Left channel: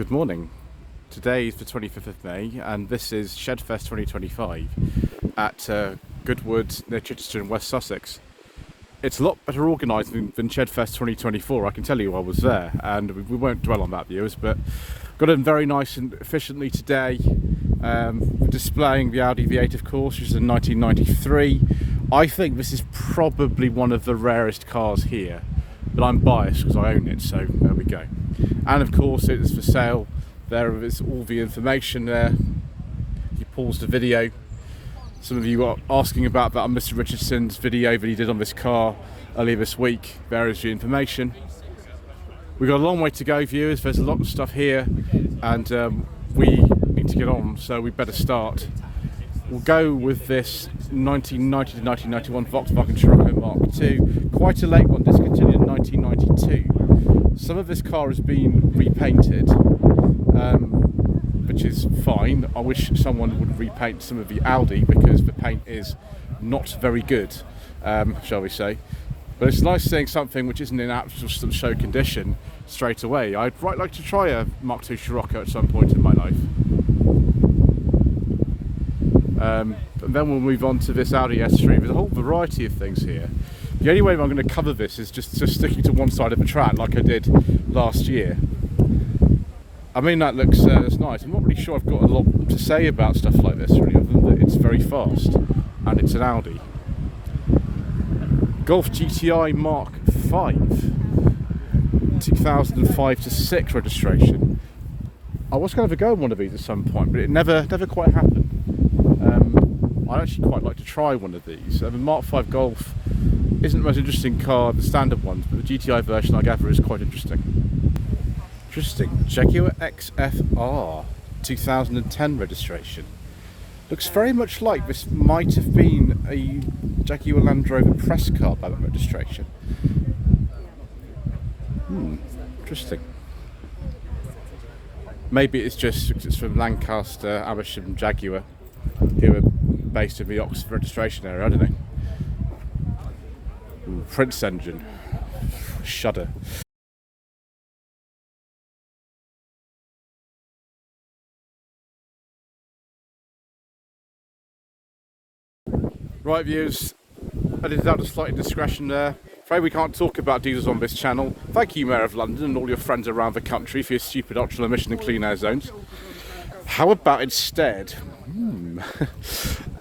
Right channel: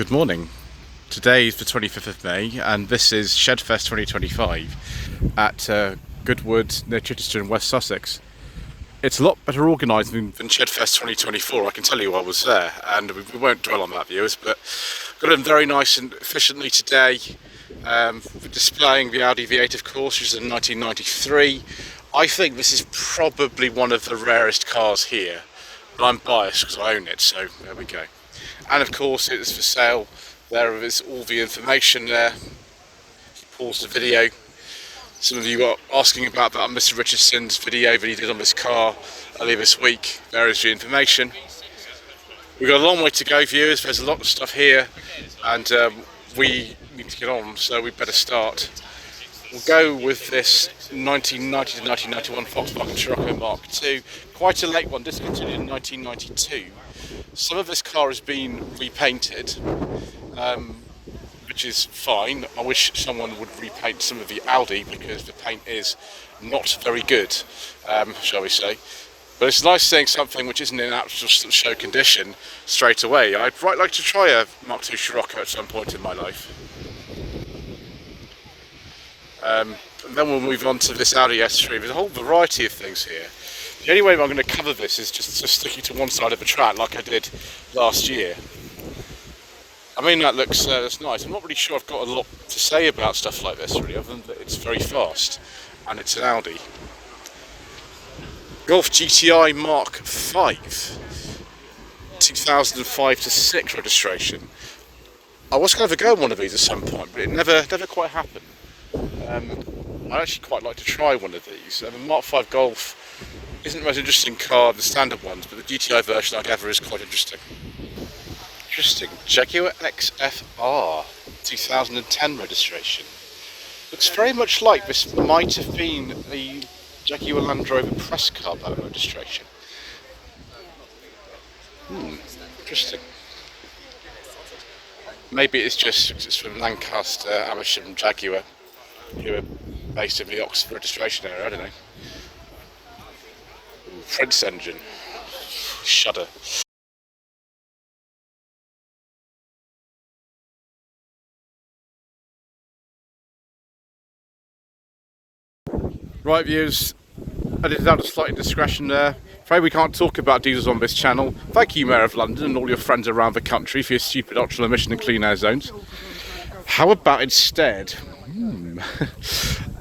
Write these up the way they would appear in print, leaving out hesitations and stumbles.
Good morning. Today is the 25th of May and this is Shedfest 2025 at Goodwood near Chichester in West Sussex. It's a lot better organised than Shedfest 2024, I can tell you. I was there, and we won't dwell on that, viewers, but got in very nice and efficiently today, displaying the Audi V8 of course, which is in 1993. I think this is probably one of the rarest cars here, but I'm biased because I own it, so there we go. And of course it is for sale. There is all the information there. If you pause the video, some of you are asking about that on Mr. Richardson's video that he did on this car earlier this week. There is the information. We've got a long way to go, viewers. There's a lot of stuff here, and we need to get on, so we better start. We'll go with this 1990 to 1991 Volkswagen Scirocco Mark II. Quite a late one, discontinued in 1992. Some of this car has been repainted, which is fine. I wish someone would repaint some of the Audi because the paint is not very good, shall we say. But it's nice seeing something which isn't in actual show condition straight away. I'd quite like to try a Mark II Scirocco at some point in my life. And then we'll move on to this Audi S3. There's a whole variety of things here. The only way I'm going to cover this is just sticking to one side of the track like I did last year. I mean, that looks that's nice. I'm not really sure I've got a lot to say about stuff like this really, other than that it's very fast and it's an Audi. Golf GTI Mark 5 2005 to 6 registration. I was going to go on one of these at some point, but it never quite happened. I'd actually quite like to try one of these. The Mark 5 Golf isn't the most interesting car of the standard ones, but the GTI version I gather is quite interesting. Jaguar XFR 2010 registration. Looks very much like this might have been a Jaguar Land Rover press car ballot registration. Interesting. Maybe it's from Lancaster, Amersham, Jaguar, who are based in the Oxford registration area, I don't know. Ooh, Prince engine. Shudder. Right, viewers, edited out a slight indiscretion there. Afraid we can't talk about diesels on this channel. Thank you, Mayor of London, and all your friends around the country for your stupid ultra emission and clean air zones. How about instead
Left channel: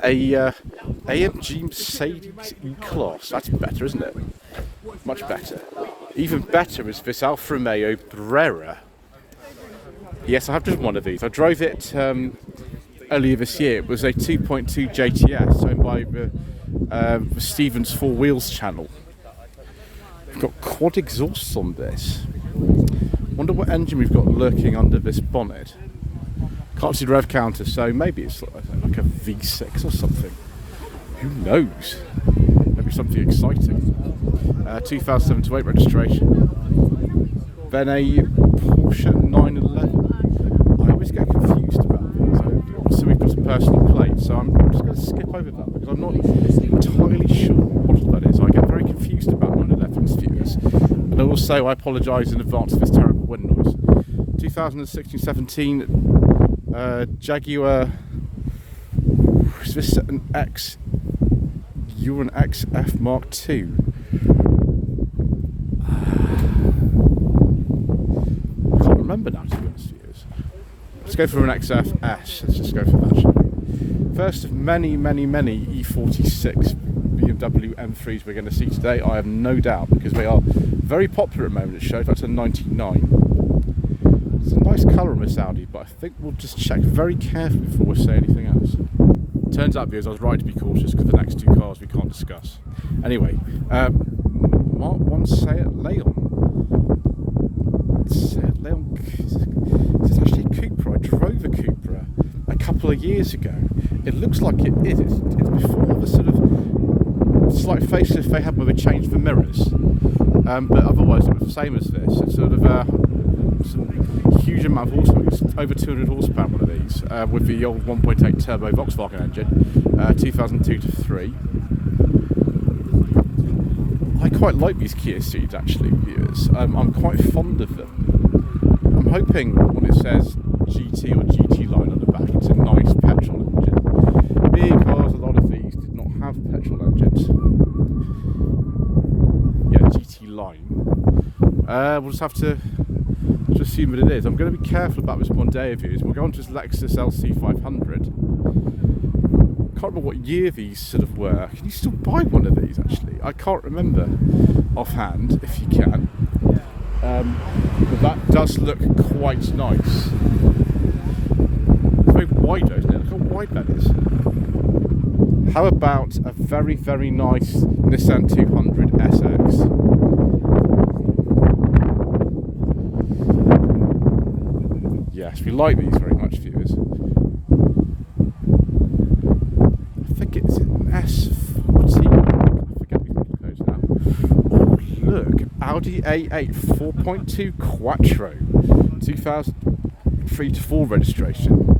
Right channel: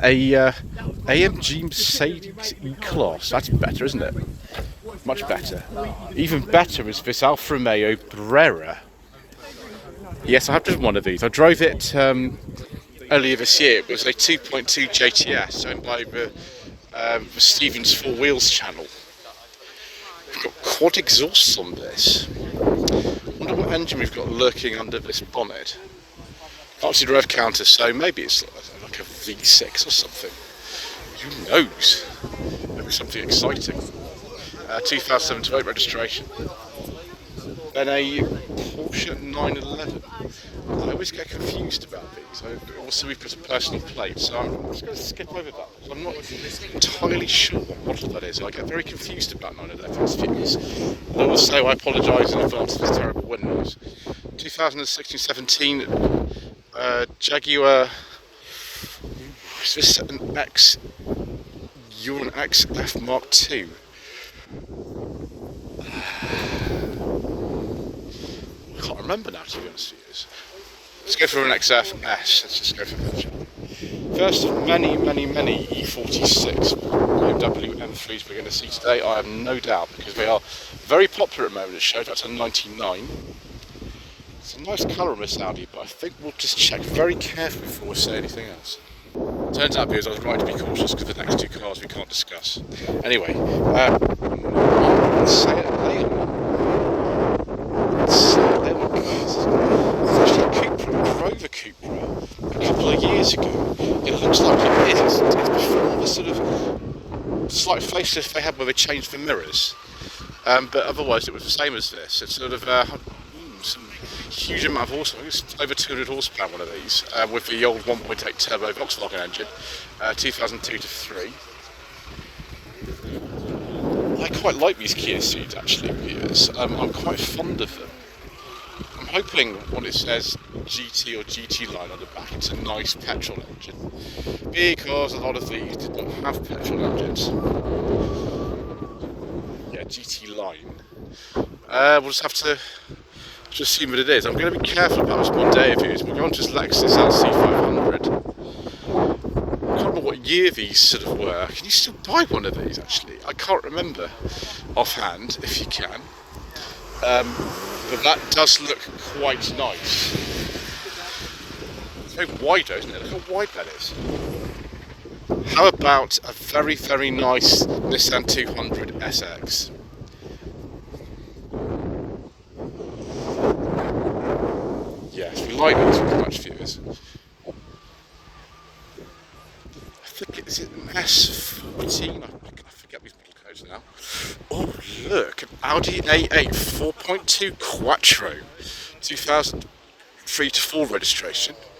a AMG Mercedes E-Class? That's better, isn't it? Much better. Even better is this Alfa Romeo Brera. Yes, I have driven one of these. I drove it earlier this year. It was a 2.2 JTS owned by the Stevens Four Wheels channel. We've got quad exhausts on this. Wonder what engine we've got lurking under this bonnet. Can't see the rev counter, so maybe it's like a V6 or something. Who knows? Maybe something exciting. 2007 to 8 registration. Then a Porsche 911. I always get confused about these. Also, we've got a personal plate, so I'm just going to skip over that because I'm not entirely sure what model that is. I get very confused about none of their first figures. And I will say I apologise in advance for this terrible wind noise. 2016-17 Jaguar. Is this an XF Mark II? I can't remember now, to be honest with you. Let's go for an XFS. Let's just go for that. First of many E46 BMW M3s we're going to see today, I have no doubt, because they are very popular at the moment at show. That's a 99. It's a nice colour on this Audi, but I think we'll just check very carefully before we say anything else. Turns out, viewers, I was right to be cautious because the next two cars we can't discuss. Anyway, let's say it later. It's actually a Cupra, a Rover Cupra, a couple of years ago. It looks like it is. It's before the sort of slight facelift they had where they changed the mirrors. But otherwise it was the same as this. It's sort of some huge amount of horsepower. It's over 200 horsepower, one of these, with the old 1.8 turbo Volkswagen engine, 2002 to 3. I quite like these Kia Ceeds actually, viewers. I'm quite fond of them. I'm hoping when it says GT or GT line on the back, it's a nice petrol engine, because a lot of these did not have petrol engines. Yeah, GT line. We'll just have to assume what it is. I'm going to be careful about this Mondeo views. We'll go on to this Lexus LC500. I can't remember what year these sort of were. Can you still buy one of these, actually? I can't remember offhand, if you can. But that does look quite nice. It's very wide though, isn't it? Look how wide that is. How about a very, very nice Nissan 200 SX? Yes, we like these very much, viewers. I think it's an S14. I forget these model codes now. Oh, look, Audi A8 4.2 Quattro, 2003 to 4 registration.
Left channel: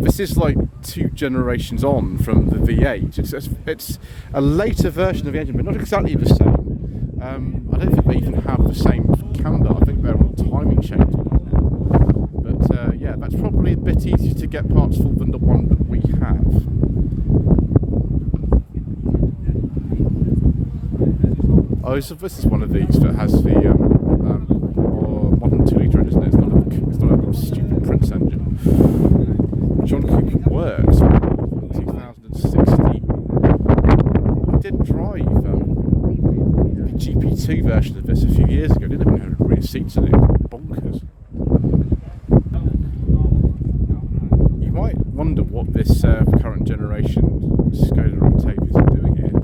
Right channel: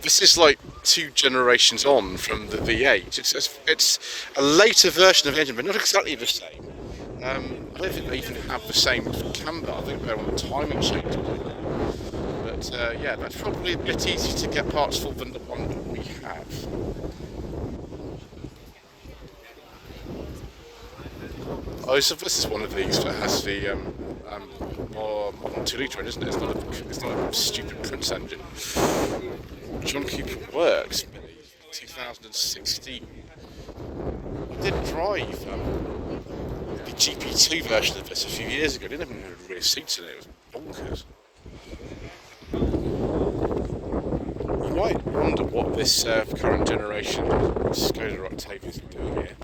This is like 2 generations on from the V8. It's a later version of the engine, but not exactly the same. I don't think they even have the same camber. I think they're on a timing chain. But yeah, that's probably a bit easier to get parts for than the one that we have. Oh, so this is one of these that has the modern 2-litre engine, isn't it? It's not a stupid Prince engine. John Cooper Works, 2016. I did drive the GP2 version of this a few years ago, didn't it? It had rear seats in it. It was bonkers. You might wonder what this current generation Skoda Octavias are doing here.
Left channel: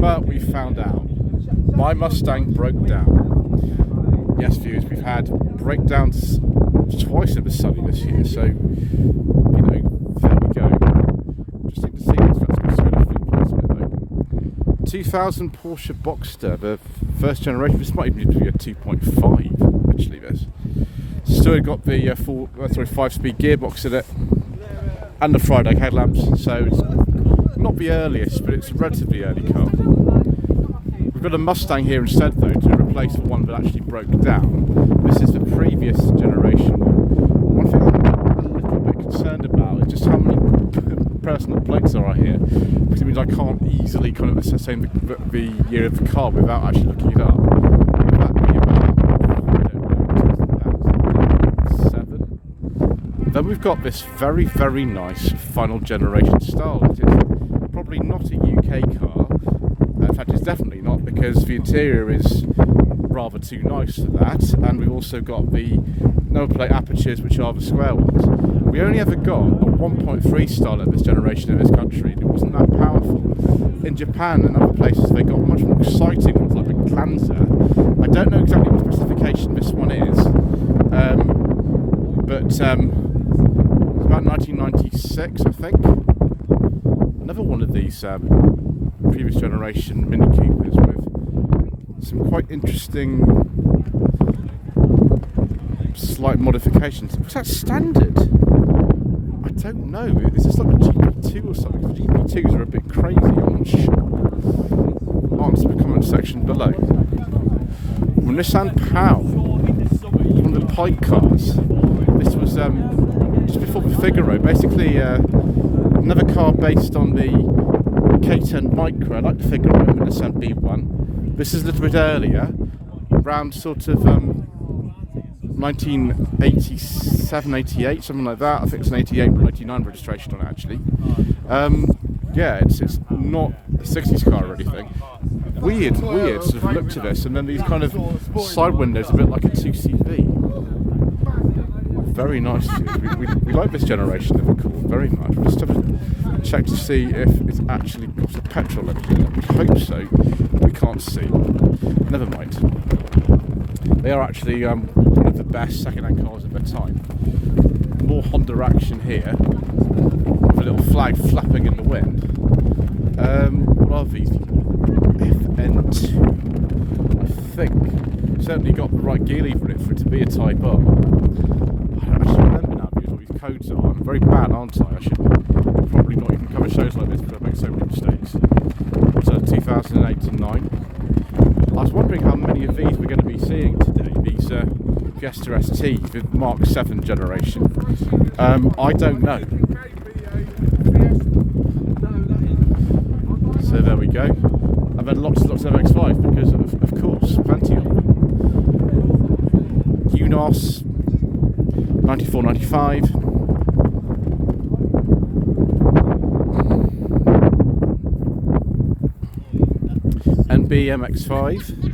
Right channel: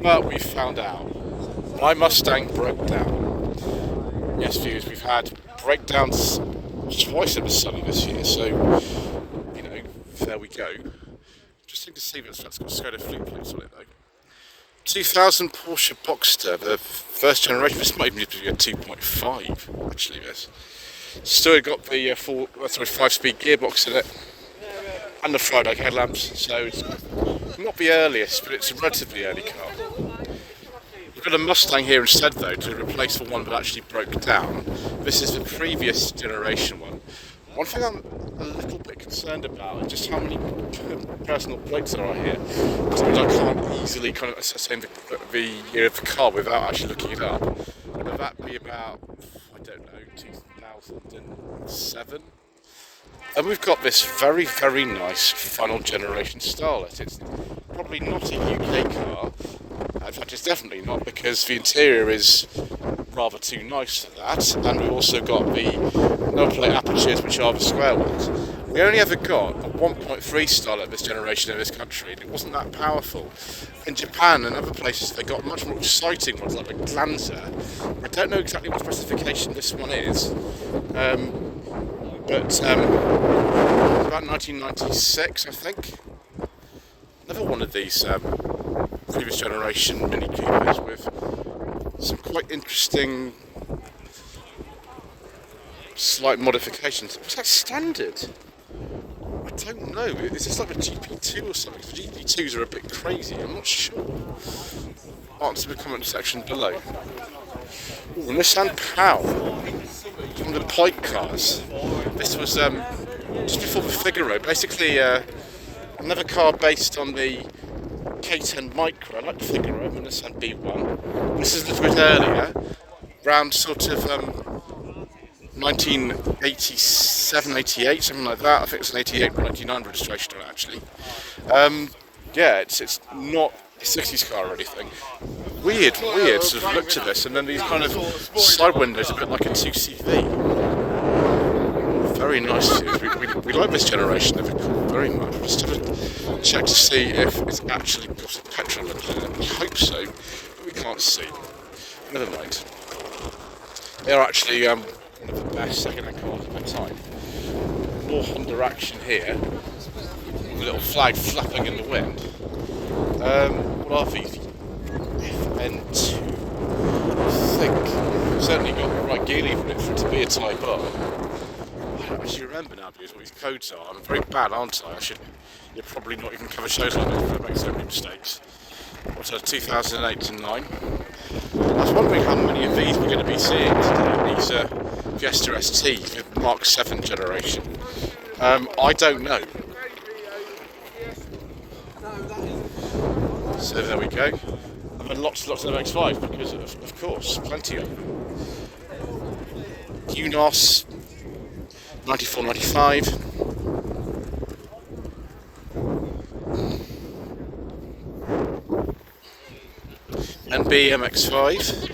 But we found out. My Mustang broke down. Yes, viewers, we've had breakdowns twice in the sunny this year, so, you know, there we go. Interesting to see what's that's got Skoda fleet plots on it though. 2000 Porsche Boxster, the first generation. This might even be a 2.5, actually, this. Still got the 5-speed gearbox in it, and the Friday headlamps, so it's not the earliest, but it's a relatively early car. We've got a Mustang here instead though, to replace the one that actually broke down. This is the previous generation one. One thing I'm a little bit concerned about is just how many personal plates there are here. Which I can't easily kind of ascertain the year of the car without actually looking it up. But that would be about, I don't know, 2007. Then we've got this very, very nice final generation Starlet. It's probably not a UK car. In fact, it's definitely not, because the interior is rather too nice for that, and we've also got the number plate apertures, which are the square ones. We only ever got a 1.3 Starlet this generation in this country, and it wasn't that powerful. In Japan and other places, they got much more exciting ones, like the Glanzer. I don't know exactly what specification this one is, but about 1996, I think. Another one of these previous generation Mini Coopers with some quite interesting slight modifications. Was that standard? I don't know. Is this like a GP2 or something? The GP2s are a bit crazy, I'm not sure. Answer the comment section below. Ooh, Nissan POW. One of the Pike cars. This was just before the Figaro. Basically another car based on the K10 Micro, like the Figaro and the Nissan B1. This is a little bit earlier, around sort of 1987, 88, something like that. I think it's an 88 or 99 registration on it actually. Yeah, it's not a 60s car or anything. Weird sort of look to this, and then these kind of side windows, a bit like a 2CV. Very nice. We like this generation of it very much. We'll just have to check to see if it's actually got a petrol engine in it. We hope so, but we can't see. Never mind. They are actually one of the best second-hand cars of their time. More Honda action here. With a little flag flapping in the wind. What are these? FN2. I think. Certainly got the right gear lever in it for it to be a Type R. I don't actually remember now because what these codes are. I'm very bad, aren't I? I should probably not even cover shows like this because I make so many mistakes. What's that, 2008 to 9? I was wondering how many of these we're going to be seeing today. These Fiesta ST, the Mark 7 generation? I don't know. So there we go. And then lots and lots of MX-5 because of course, plenty of them. UNOS 94, 95. NB MX-5.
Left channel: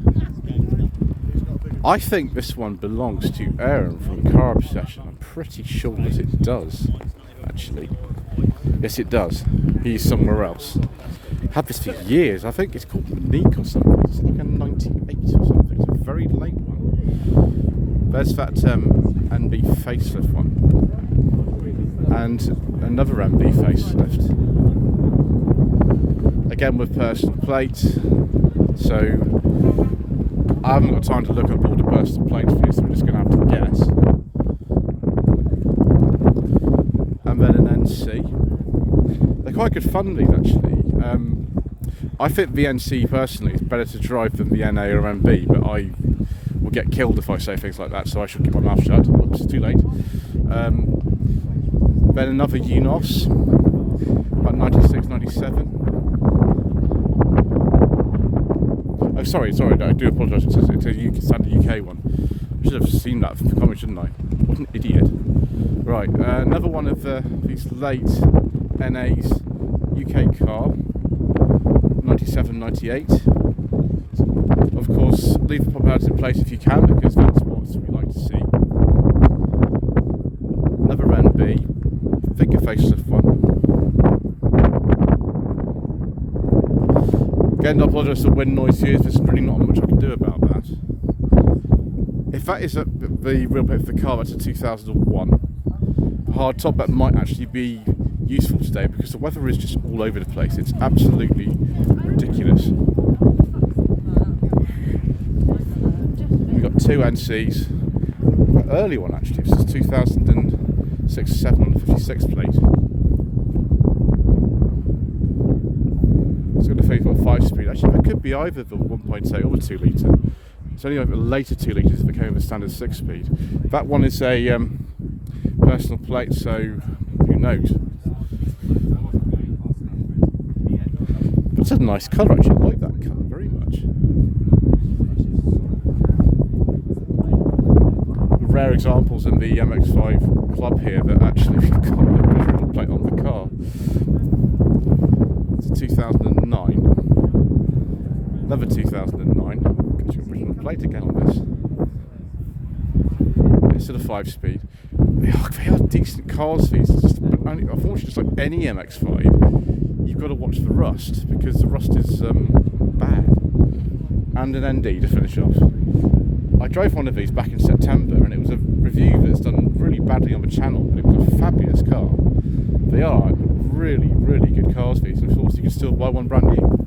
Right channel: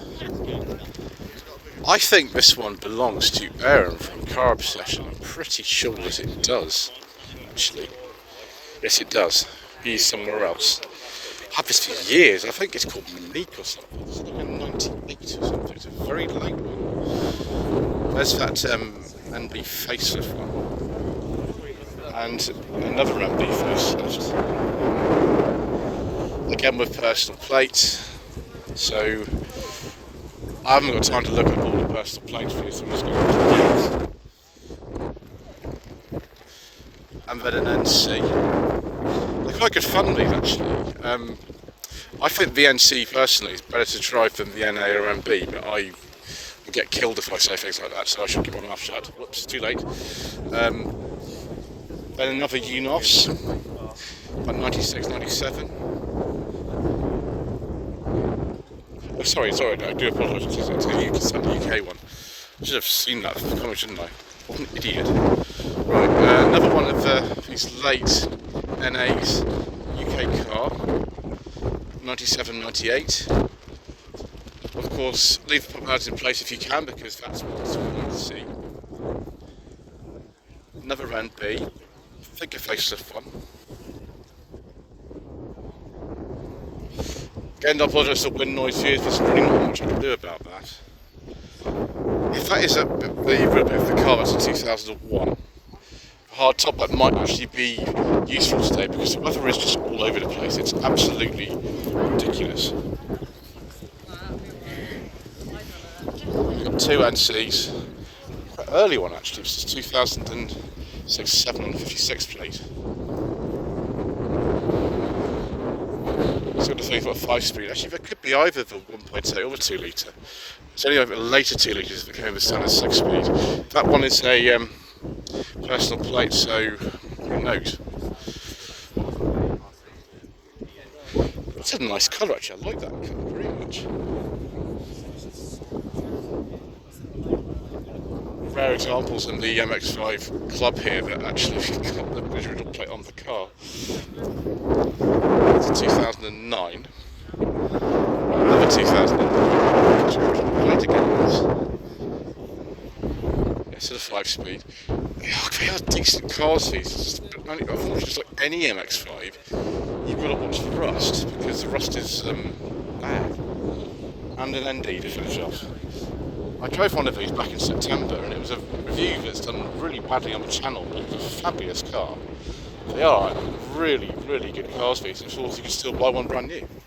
I think this one belongs to Aaron from Car Obsession. I'm pretty sure that it does, actually. Yes, it does. He's somewhere else. I've had this for years. I think it's called Monique or something. It's like a 98 or something. It's a very late one. There's that NB facelift one. And another NB facelift. Again with personal plates. So I haven't got time to look up all the personal plates for you, so I'm just going to have to guess. And then an NC. They're quite good fun, these actually. I think the NC personally is better to drive than the NA or MB, but I will get killed if I say things like that, so I shall keep my mouth shut. Whoops, too late. Then another UNOS, about 96, 97. Oh, sorry, I do apologise. It's a UK one. I should have seen that from the comment, shouldn't I? What an idiot. Right, another one of these late NA's UK car, 97, 98. Of course, leave the pop-outs in place if you can, because that's what we like to see. Another NB, thicker facelift one. Again, I apologise for wind noise here, there's really not much I can do about that. If that is the real bit of the car, that's a 2001. Hard top, that might actually be useful today because the weather is just all over the place. It's absolutely ridiculous. We've got two NCs. Quite early one actually, this is 2006-7 on the 56 plate. It's got a 35 speed. Actually, that could be either the 1.8 or the 2 litre. It's only over the later 2 litres that came with the standard 6 speed. That one is a personal plate, so who knows? It's a nice colour actually, I like that colour very much. Rare examples in the MX-5 club here that actually got the original plate on the car. It's a 2009. Another 2009. It's the original plate again. It's at a 5-speed. They are decent cars, these. But unfortunately, just like any MX-5, you've got to watch the rust because the rust is bad. And an ND to finish off. I drove one of these back in September, and it was a review that's done really badly on the channel, but it was a fabulous car. They are really, really good cars, these. And of course, you can still buy one brand new.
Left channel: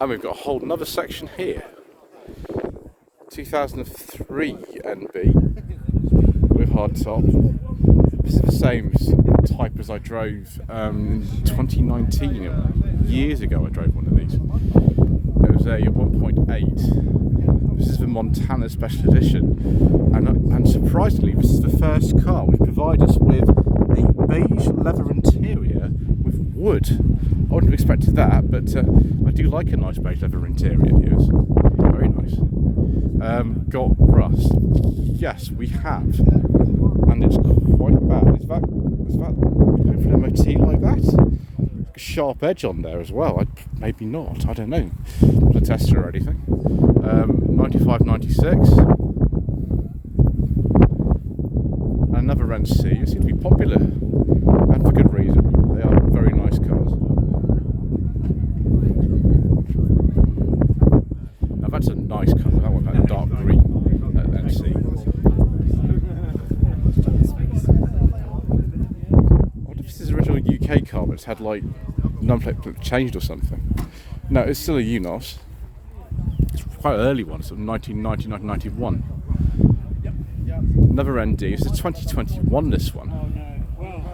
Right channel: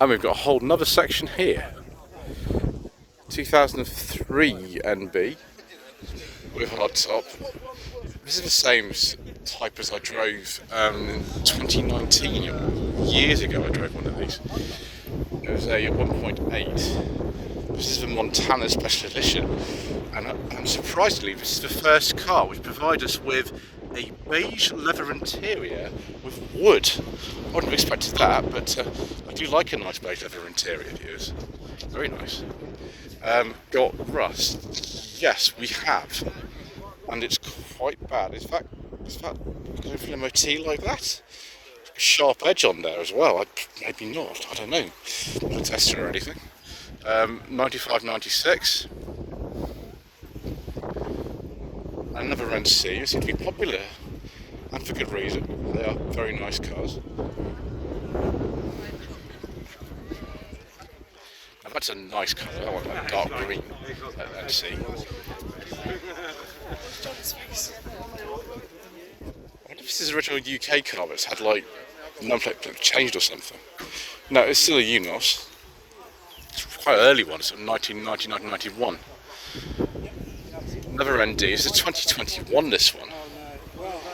And we've got a whole another section here. 2003 NB with hard top. This is the same type as I drove in 2019. Years ago I drove one of these. It was a 1.8. This is the Montana Special Edition, and surprisingly this is the first car which provides us with a beige leather interior with wood. I wouldn't have expected that, but I do like a nice beige leather interior, viewers. Very nice. Got rust? Yes, we have, and it's quite bad. Is that going for an MOT like that? A sharp edge on there as well. Maybe not. I don't know. Not a tester or anything. 95, 96. Another NC. They seem to be popular, and for good reason. They are very nice cars. Now that's a nice colour. I want that dark green NC. This is the original UK car, but it's had like number plate changed or something. No, it's still a UNOS. It's quite an early one, it's sort of 1990, 1991. Another ND, it's a 2021 this one. Yeah,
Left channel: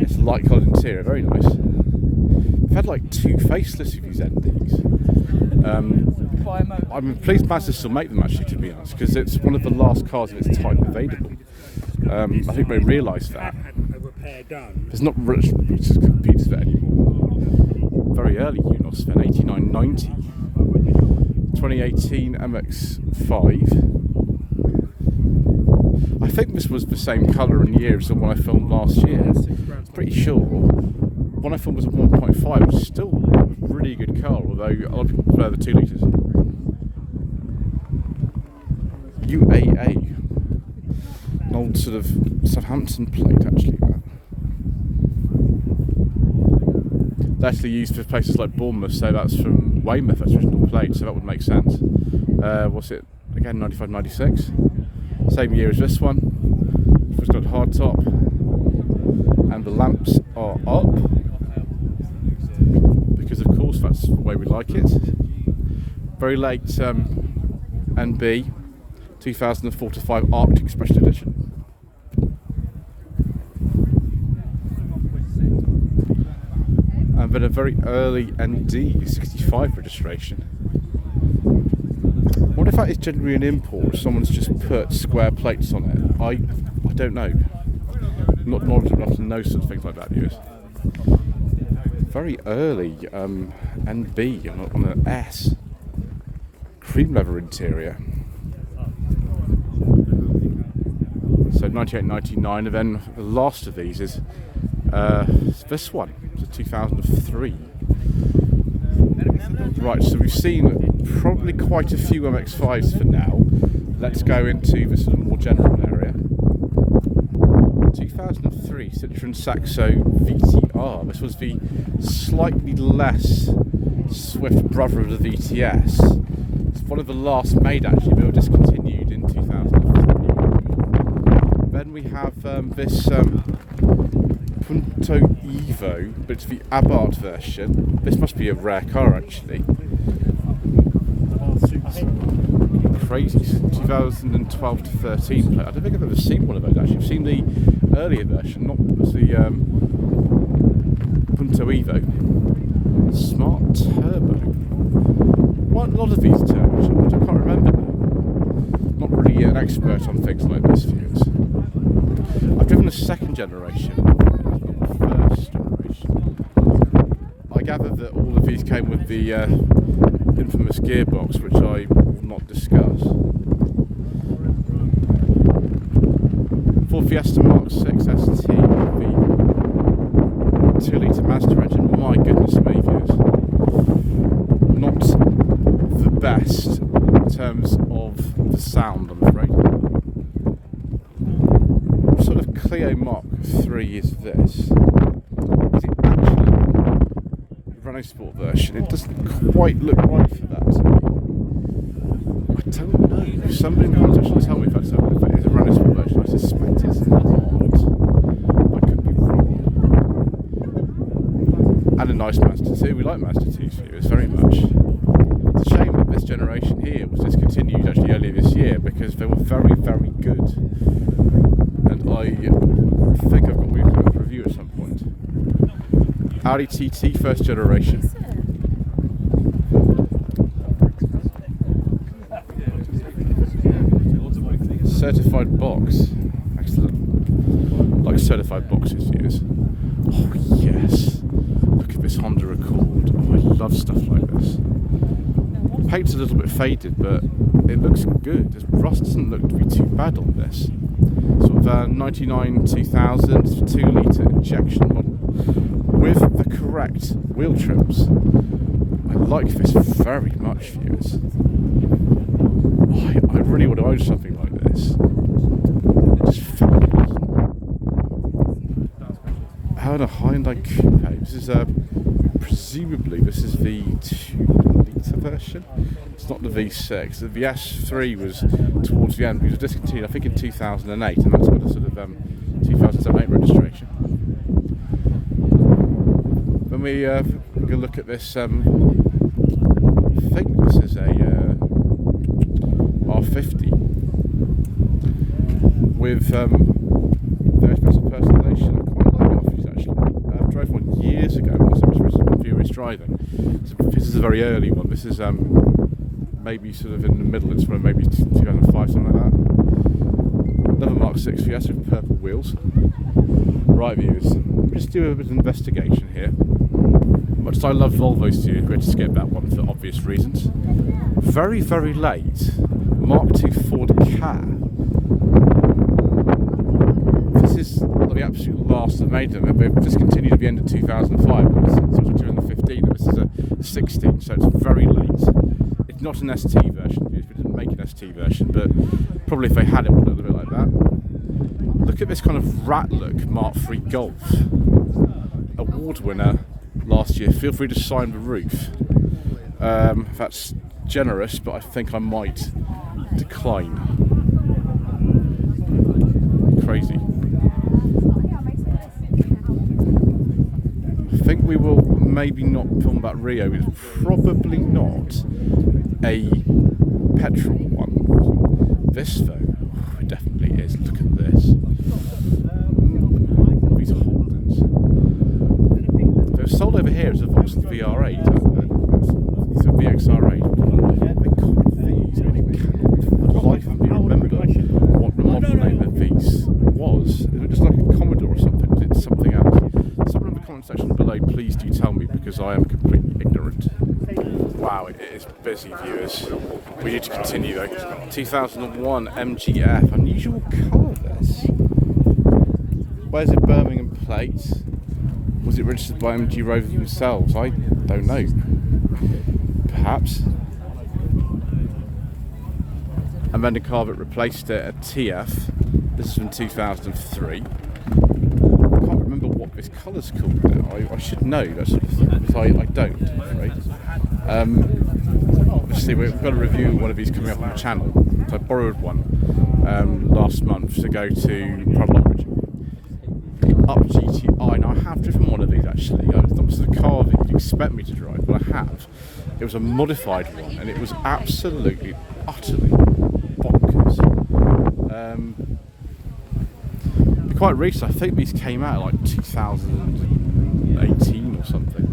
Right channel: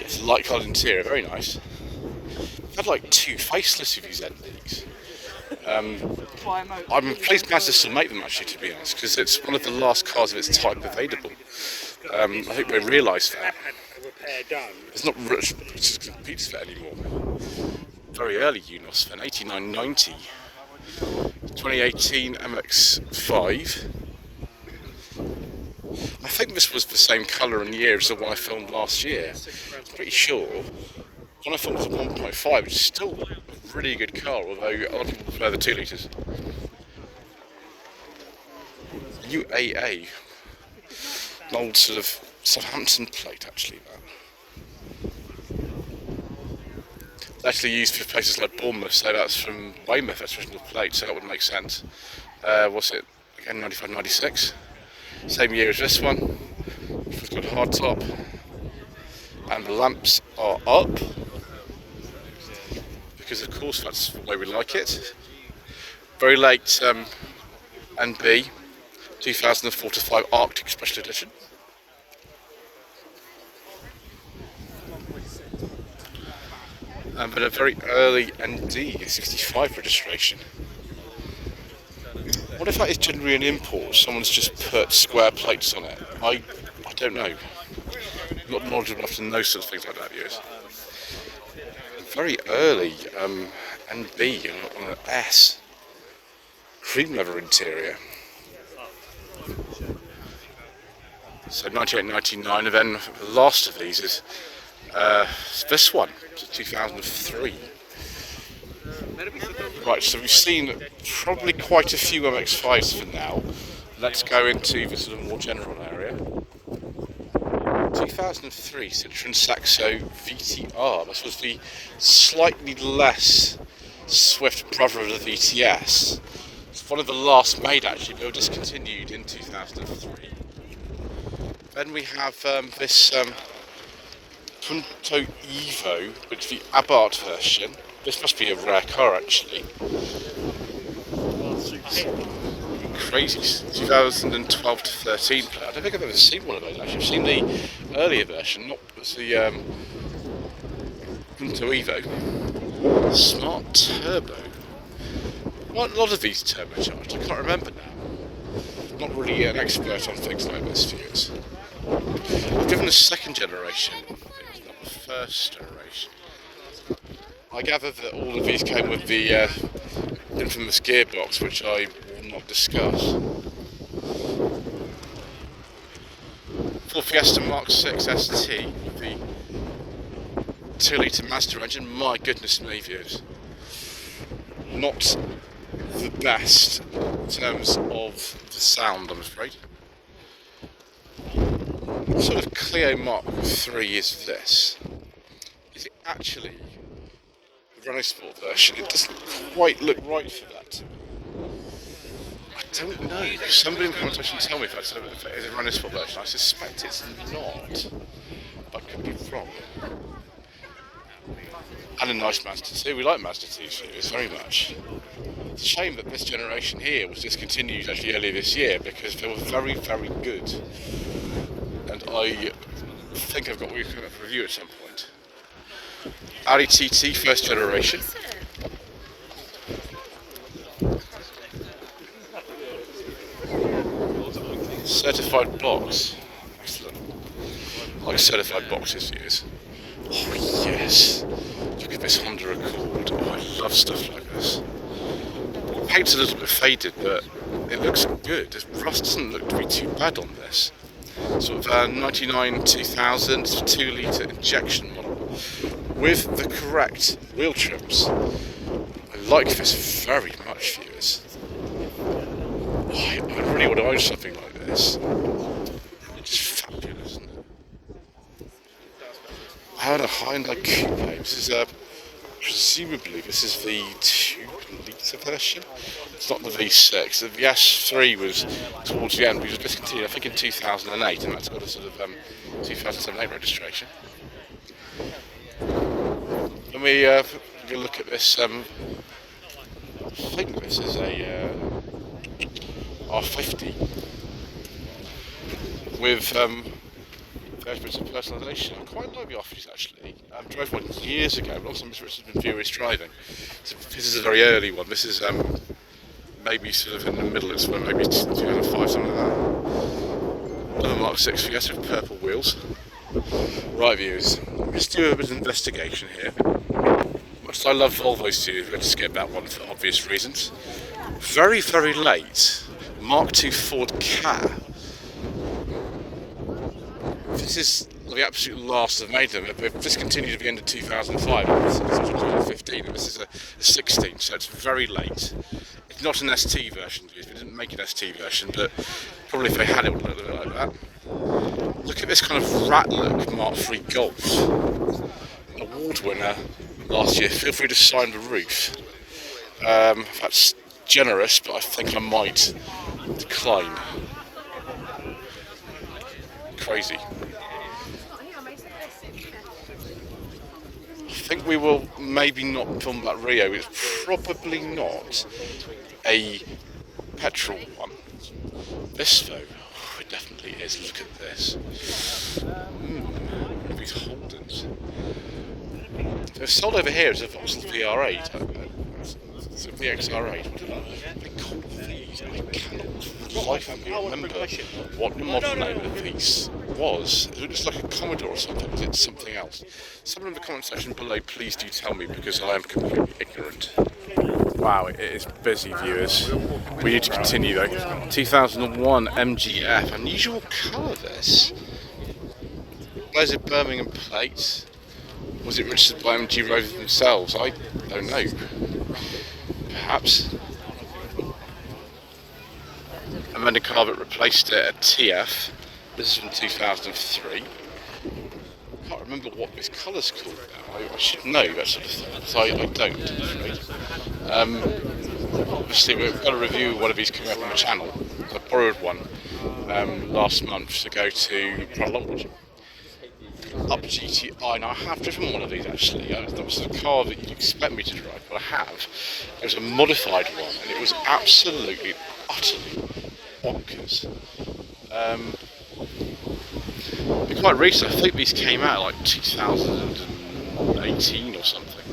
it's a light coloured interior, very nice. I've had like 2 facelifts of these NDs. I'm pleased Mazda still make them, actually, to be honest, because it's one of the last cars of its type available. I think they realise that. There's not much that competes for it anymore. Very early Unos, then 8990. 2018 MX-5. I think this was the same colour and year as the one I filmed last year. I'm pretty sure. One I filmed was 1.5, which is still a really good car, although I would prefer the 2 litres. UAA. An old sort of Southampton plate, actually. They actually used for places like Bournemouth, so that's from Weymouth, that's original plate, so that would make sense. What's it? Again, 95, 96. Same year as this one. It's got hard top. And the lamps are up. Because of course that's the way we like it. Very late NB, 2004 to 5 Arctic Special Edition. But a very early ND, 65 registration. What if that is generally an import? Someone's just put square plates on it. I don't know. I'm not knowledgeable enough to know sort of things like that, viewers. Very early NB on an S. Cream leather interior. So 98, 99, and then the last of these is this one, 2003. Right, so we've seen probably quite a few MX-5s for now. Let's go into the sort of more general area. 2003 Citroen Saxo VTR. This was the slightly less swift brother of the VTS. It's one of the last made, actually, but they were discontinued in 2003. Then we have this Punto Evo, but it's the Abarth version. This must be a rare car, actually. Crazy. 2012 to 13 plate. I don't think I've ever seen one of those, actually. I've seen the earlier version, not the Punto Evo. Smart Turbo. Quite a lot of these turbocharged, I can't remember now. Not really an expert on things like this, viewers. I've driven the second generation, not the first generation. I gather that all of these came with the infamous gearbox, which I will not discuss. Ford Fiesta Mark 6 ST, the 2-litre Mazda engine. My goodness me, viewers. Not the best in terms of the sound, I'm afraid. What sort of Clio Mark 3 is this? Is it actually the Renault Sport version? It doesn't quite look right for that. I don't know. Somebody in the comments actually tell me if that's a Renault Sport version. I suspect it's not. I could be wrong. And a nice Mazda 2. We like Mazda 2 series very much. It's a shame that this generation here was discontinued actually earlier this year, because they were very, very good. And I think I've got a review at some point. Audi TT first generation. Certified box. Excellent. I like certified boxes, viewers. Oh yes. Look at this Honda Accord. Oh, I love stuff like this. The paint's a little bit faded, but it looks good. The rust doesn't look to be too bad on this. Sort of 99 2000 2-litre injection model with the correct wheel trims. I like this very much, viewers. Oh, I really want to own something like this. It's fabulous, isn't it? I had a Hyundai Coupe. This is presumably this is the 2-litre version. It's not the V6. The S3 was towards the end, but it was discontinued I think in 2008, and that's got a sort of 2007-8 registration. Then we go look at this. I think this is a R50 with very special personalisation. I quite like the R50s actually. I drove one years ago last time I was furious driving. So this is a very early one. This is maybe sort of in the middle. It's where maybe 2005, something like that. Another Mark 6 Fiesta with purple wheels. Right, viewers, let's do a bit of investigation here. Much as I love Volvos too, we had to skip that one for obvious reasons. Very, very late, Mark II Ford Ka. This is the absolute last they've made them. They've discontinued at the end of 2005. This is 2015, and this is a 16, so it's very late. It's not an ST version, they didn't make an ST version, but probably if they had it, it would look a bit like that. Look at this kind of rat look Mark III Golf. Award winner last year. Feel free to sign the roof. That's generous, but I think I might decline. Crazy. I think we will maybe not film that Rio. It's probably not a petrol one. This though, it definitely is. Look at this. One of these Holdens. They're sold over here as a Vauxhall VR8. It's a VXR8. They call these. I cannot for the life of me remember what the model name of these was. It was like a Commodore or something. Was it something else? Someone in the comment section below, please do tell me, because I am completely ignorant. Wow, it is busy, viewers. We need to continue though. 2001 MGF, unusual colour this. Where's a Birmingham plate? Was it registered by MG Rover themselves? I don't know. Perhaps. Amanda Carvett replaced it at TF. This is from 2003. I can't remember what this colour's called now. I should know that sort of thing, but I don't, I'm afraid. Obviously we've got a review of one of these coming up on the channel. So I borrowed one last month to go to Proudlonbridge. Up GTI, and I have driven one of these actually. It's not just a car that you'd expect me to drive, but I have. It was a modified one, and it was absolutely, utterly bonkers. They're quite recent. I think these came out like 2018 or something.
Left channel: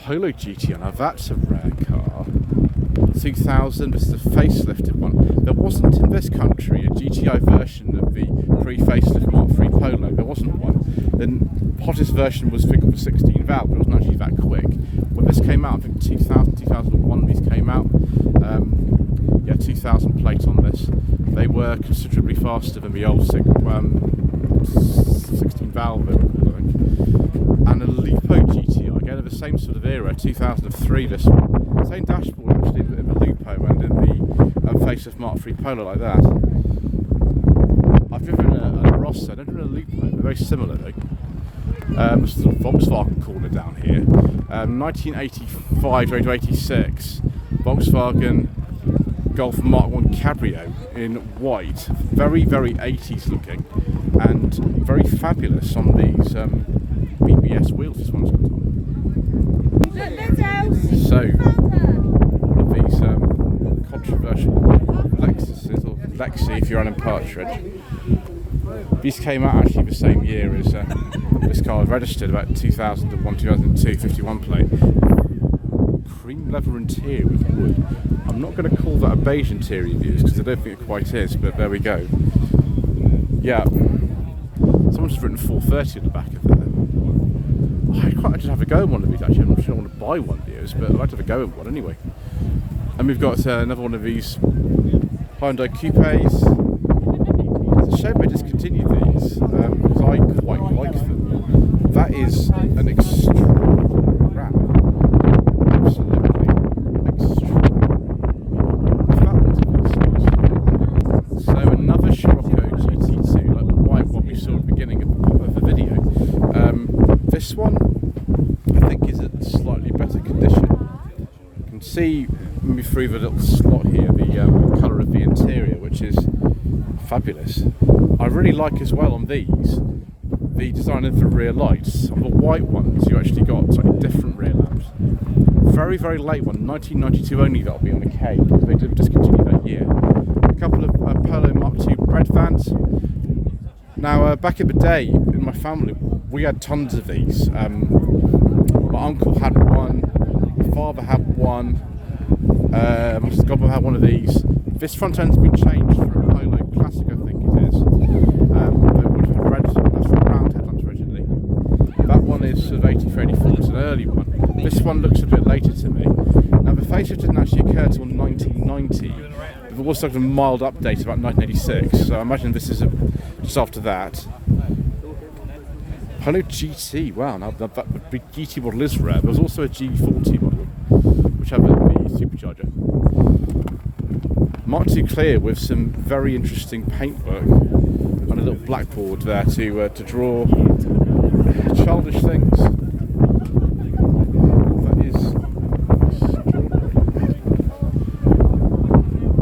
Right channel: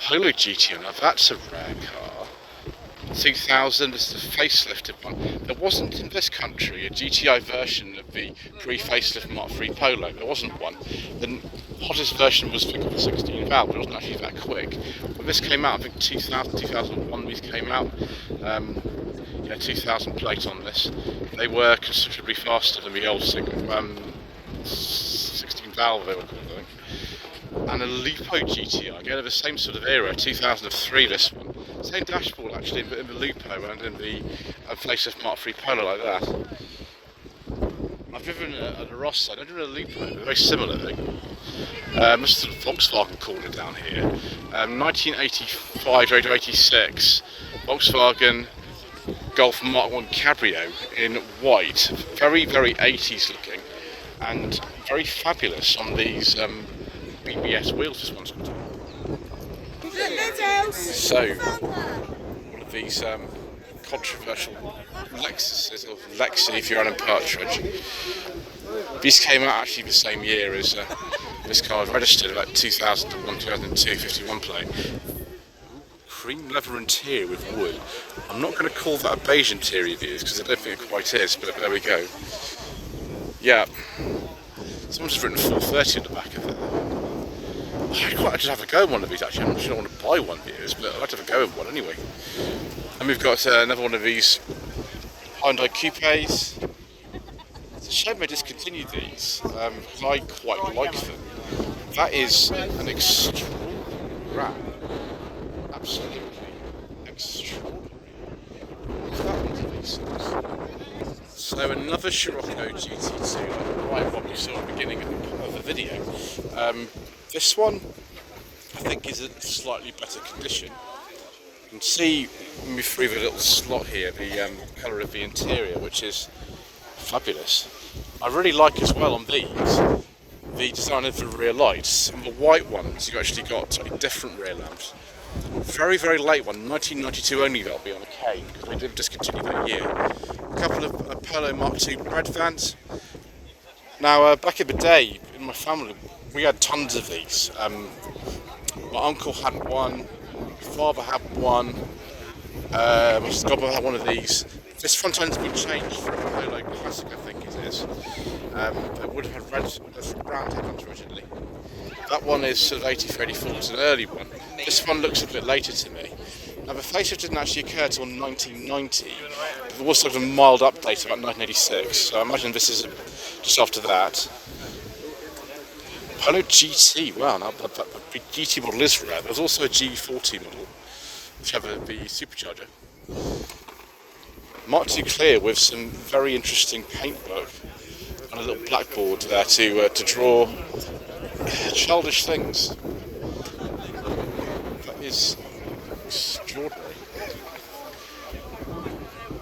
Holo GTI, now that's a rare car. 2000, this is a facelifted one. There wasn't in this country a GTI version of the pre-facelift Mark III Polo. There wasn't one. The hottest version was the 16 valve, but it wasn't actually that quick. When this came out, I think 2000, 2001 these came out. Yeah, 2000 plate on this. They were considerably faster than the old 16 valve they were called, I think. And a Lupo GTI, again of the same sort of era, 2003 this one. Same dashboard actually, but in the Lupo and in the facelift Mark III Polo like that. I've driven a Rossa, I don't driven a Lupo, they're very similar though. This is a Volkswagen corner down here. 1985 to 86, Volkswagen Golf Mark I Cabrio in white, very, very 80s looking, and very fabulous on these BBS wheels this one's got. So, one of these controversial Lexuses, or Lexi if you're Alan Partridge. These came out actually the same year as this car was registered, about 2001, 2002, 51 plate. Cream leather interior with wood. I'm not going to call that a beige interior, views, because I don't think it quite is, but there we go. Yeah, someone's just written 430 at the back of that. I'd quite like to have a go in one of these actually. I'm not sure I want to buy one, viewers, but I'd like to have a go in one anyway. And we've got another one of these Hyundai Coupes. It's a shame they discontinued these, because I quite like them. That is an extraordinary wrap. Absolutely extraordinary. What's that one? So another Scirocco GT2, like the white one we saw at the beginning of the video. This one, I think, is in slightly better condition. You can see me through the little slot here, the colour of the interior, which is fabulous. I really like as well on these the design of the rear lights. On the white ones, you actually got slightly different rear lamps. Very, very late one, 1992 only, that'll be on the K, because they did discontinue that year. A couple of Polo Mark II bread vans. Now, back in the day, in my family, we had tons of these. My uncle had one, my father had one, I've got to have one of these. This front end's been changed for a Polo Classic, I think it is. It would have had round headlamps originally. That one is sort of 83, 84, it's an early one. This one looks a bit later to me. Now the facelift didn't actually occur till 1990. There was sort of a mild update about 1986, so I imagine this is just after that. Polo GT, wow, now the GT model is rare. There was also a G40 model, which had the supercharger. Mark II clear with some very interesting paintwork and a little blackboard there to draw childish things. That is extraordinary.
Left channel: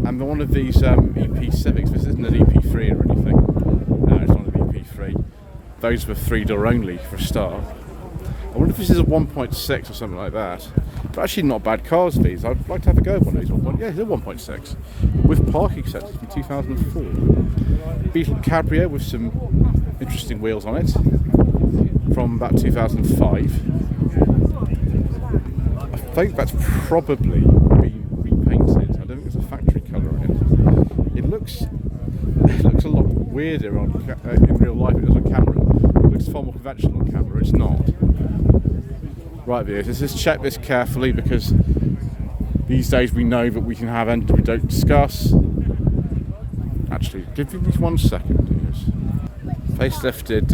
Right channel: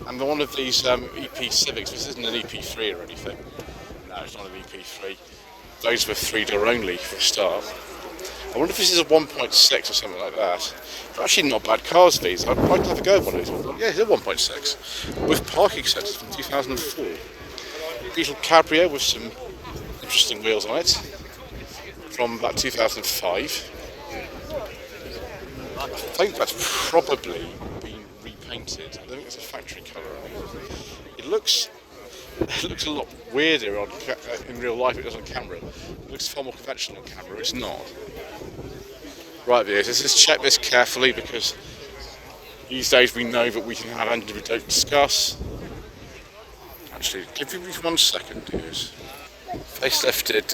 And one of these EP Civics, this isn't an EP3 or anything. No, it's not an EP3. Those were 3-door only for a start. I wonder if this is a 1.6 or something like that. But actually not bad cars, these. I'd like to have a go at one of these. Yeah, it's a 1.6. With parking sensors from 2004. Beetle Cabrio with some interesting wheels on it. From about 2005. I think that's probably been repainted. I don't think it's a factory colour on it. It looks a lot weirder in real life than it does on camera. It looks far more conventional on camera. It's not. Right, viewers, let's just check this carefully because these days we know that we can have engines we don't discuss. Actually, give me 1 second, viewers. Facelifted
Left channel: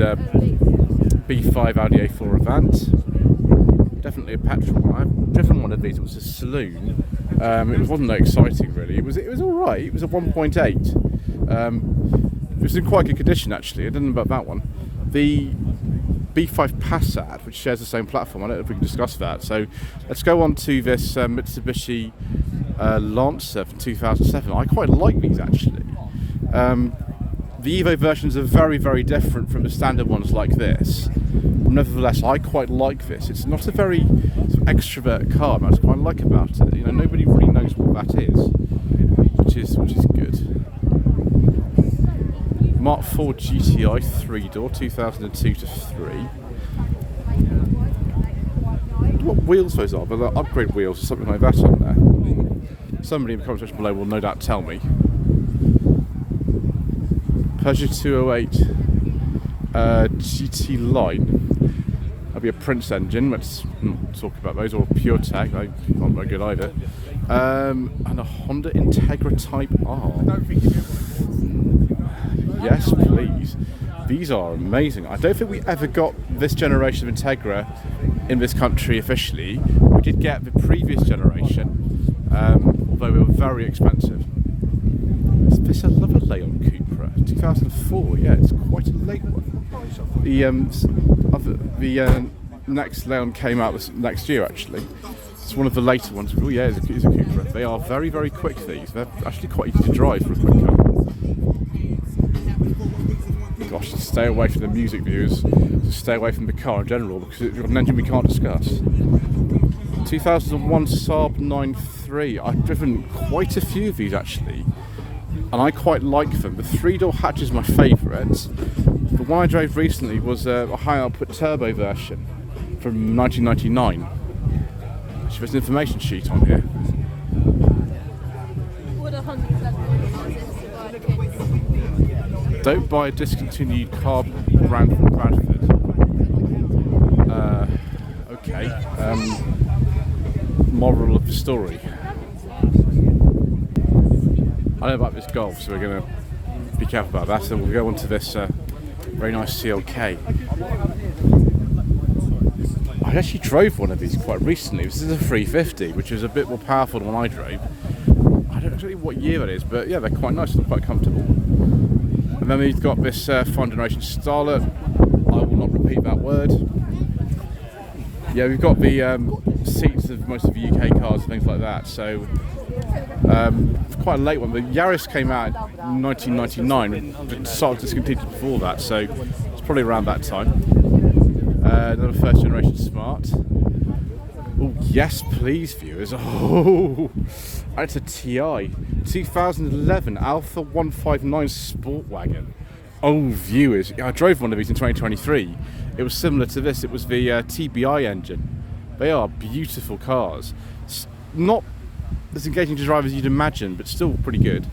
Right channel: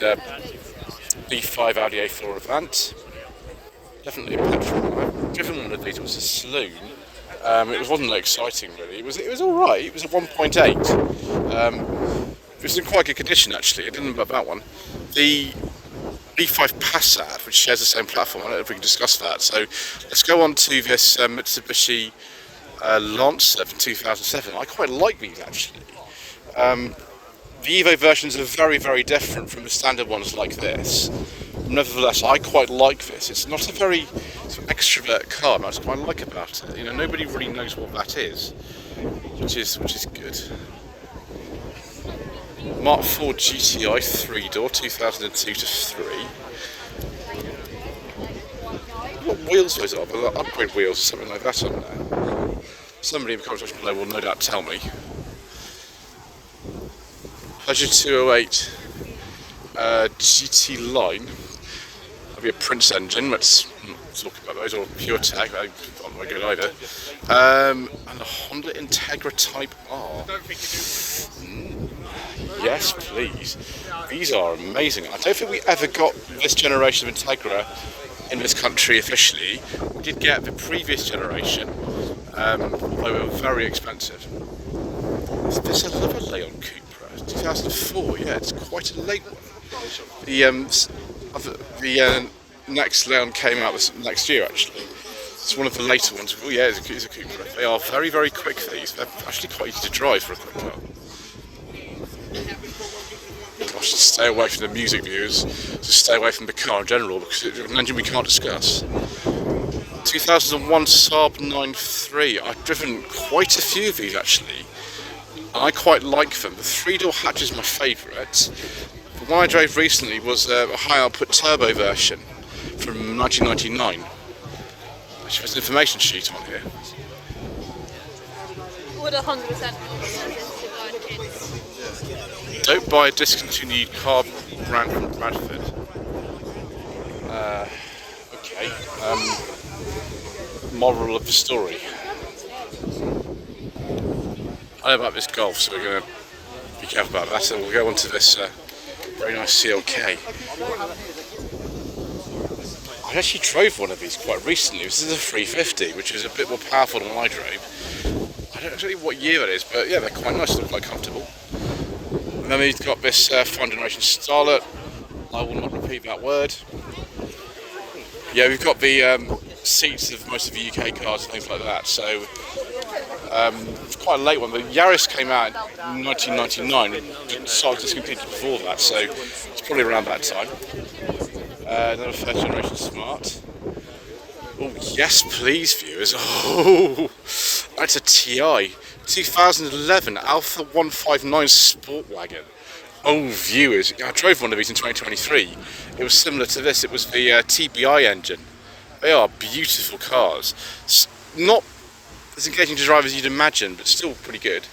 B5 Audi A4 Avant. Definitely a petrol one. I've driven one of these. It was a saloon. It wasn't that exciting really. It was all right. It was a 1.8. It was in quite good condition actually. I didn't know about that one. The B5 Passat, which shares the same platform. I don't know if we can discuss that. So let's go on to this Mitsubishi Lancer from 2007. I quite like these actually. The Evo versions are very, very different from the standard ones like this. Nevertheless, I quite like this. It's not a very sort of extrovert car, but I quite like about it. You know, nobody really knows what that is, which is good. Mark IV GTI 3-door, 2002 to 3. What wheels those are? They're upgrade wheels or something like that on there. Somebody in the comment section below will no doubt tell me. Peugeot 208 GT line. That'll be a Prince engine. Let's talk about those, or Pure Tech. They're not very good either. And a Honda Integra Type R. Yes, please. These are amazing. I don't think we ever got this generation of Integra in this country officially. We did get the previous generation, although they were very expensive. Is this another Leon Cupra? 2004, yeah, it's quite a late one. The next Leon came out this next year actually. It's one of the later ones. Oh yeah, it's a Cupra. They are very, very quick, these. They're actually quite easy to drive for a quick car. Gosh, just stay away from the music views. Just stay away from the car in general because it's an engine we can't discuss. 2001 Saab 9.3. I've driven quite a few of these actually, and I quite like them. The 3-door hatch is my favourite. The one I drove recently was a high output turbo version from 1999. Actually, there's an information sheet on here. Would 100% Don't buy a discontinued car brand from Bradford. Okay. Moral of the story. I know about this Golf, so we're going to be careful about that. So we'll go on to this very nice CLK. I actually drove one of these quite recently. This is a 350, which is a bit more powerful than one I drove. I don't know what year it is, but yeah, they're quite nice. They're quite comfortable. And then we've got this fine generation Starlet. I will not repeat that word. Yeah, we've got the seats of most of the UK cars and things like that. So it's quite a late one. The Yaris came out in 1999. It started discontinued before that, so it's probably around that time. Another first generation Smart. Oh yes, please, viewers. Oh, that's a TI 2011 Alpha 159 Sport Wagon. Oh, viewers, I drove one of these in 2023. It was similar to this. It was the TBI engine. They are beautiful cars. Not as engaging to drive as you'd imagine, but still pretty good.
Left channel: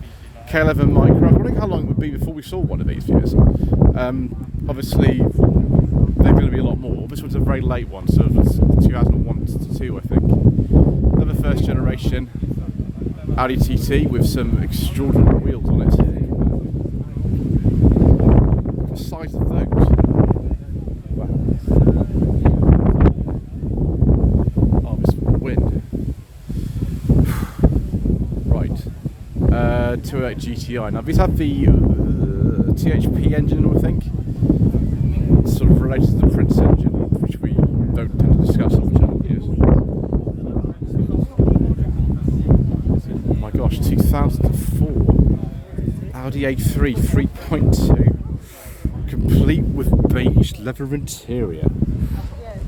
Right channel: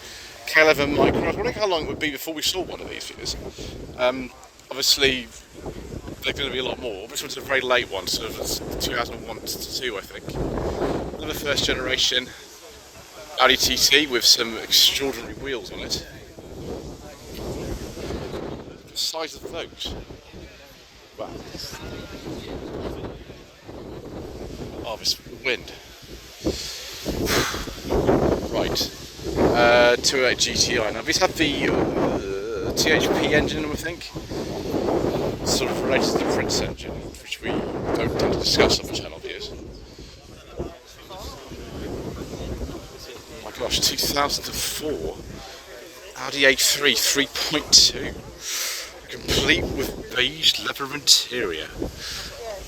K11 Micro. I was wondering how long it would be before we saw one of these viewers. Obviously, they're going to be a lot more. This one's a very late one, sort of 2001 to 2, I think. Another first generation Audi TT with some extraordinary wheels on it. The size of those. Wow. Oh, this wind. Right. 208 GTI. Now these have the THP engine, I think. Sort of related to the Prince engine, which we don't tend to discuss on the channel views. My gosh, 2004 Audi A3 3.2, complete with beige leather interior.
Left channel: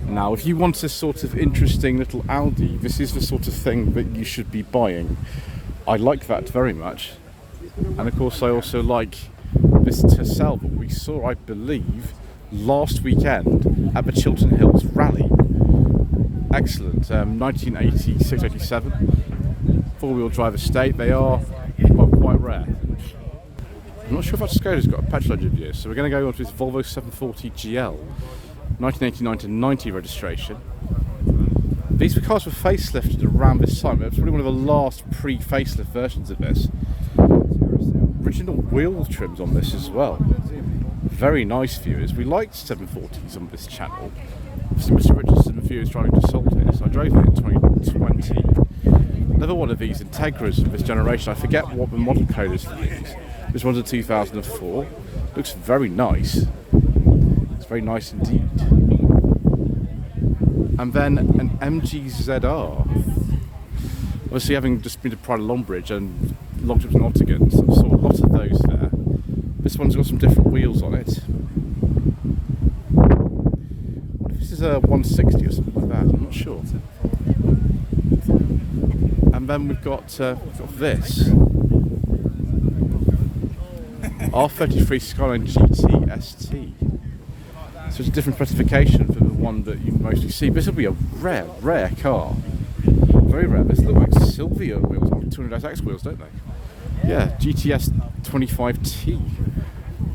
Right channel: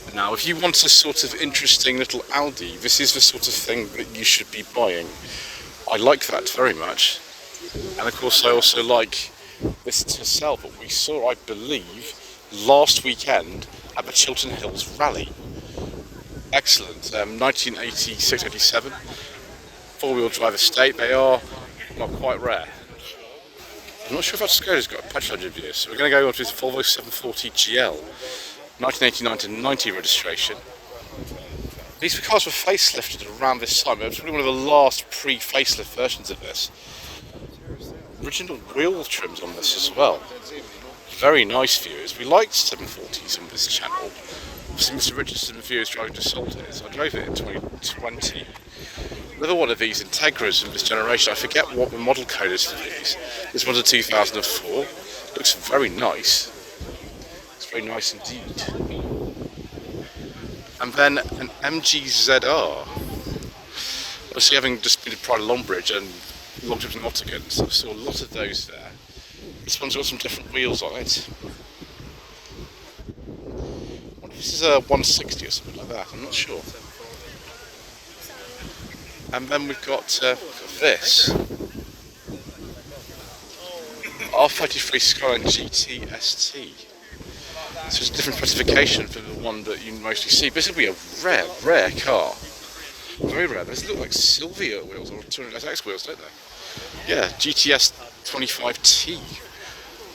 Now, if you want a sort of interesting little Audi, this is the sort of thing that you should be buying. I like that very much, and of course I also like this Tercel that we saw, I believe, last weekend at the Chiltern Hills Rally. Excellent. 1986-87 four-wheel drive estate. They are, well, quite rare. I'm not sure if that Skoda's got a petrol engine view, so we're going to go on to this Volvo 740 GL 1989 to 90 registration. These cars were facelifted around this time. It was probably one of the last pre-facelift versions of this. Original wheel trims on this as well. Very nice viewers. We liked 740s on this channel. Obviously Mr. Richardson and viewers driving to Salters. I drove it in 2020. Another one of these Integras of this generation. I forget what the model code is for these. This one's a 2004. Looks very nice. It's very nice indeed. And then an MG-ZR. Obviously, having just been to Pride of Longbridge and long trips in Nottingham, so I saw a lot of those there. This one's got some different wheels on it. I wonder if this is a 160 or something like that, I'm not sure. And then we've got this R33 Skyline GT ST. So it's a different specification from the one that you mostly see. This will be a rare car. Very rare. These look like Silvia wheels or 200SX wheels, don't they? Yeah, GTS 25T.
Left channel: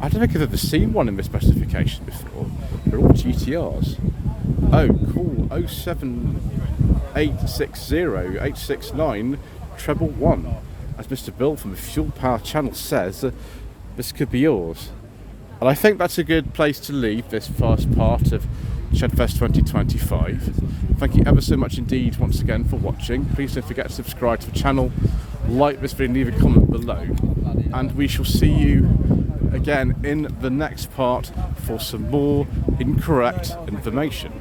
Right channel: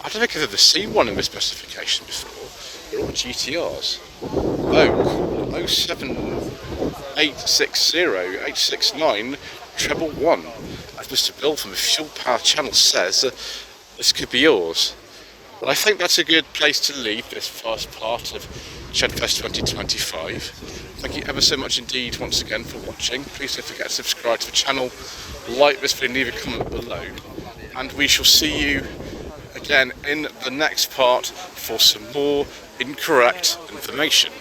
I don't think I've ever seen one in this specification before. They're all GTRs. Oh, cool. 07860 treble 1. As Mr. Bill from the Fuel Power channel says, this could be yours. And I think that's a good place to leave this first part of Shedfest 2025. Thank you ever so much indeed once again for watching. Please don't forget to subscribe to the channel, like this video, leave a comment below. And we shall see you again in the next part for some more incorrect information.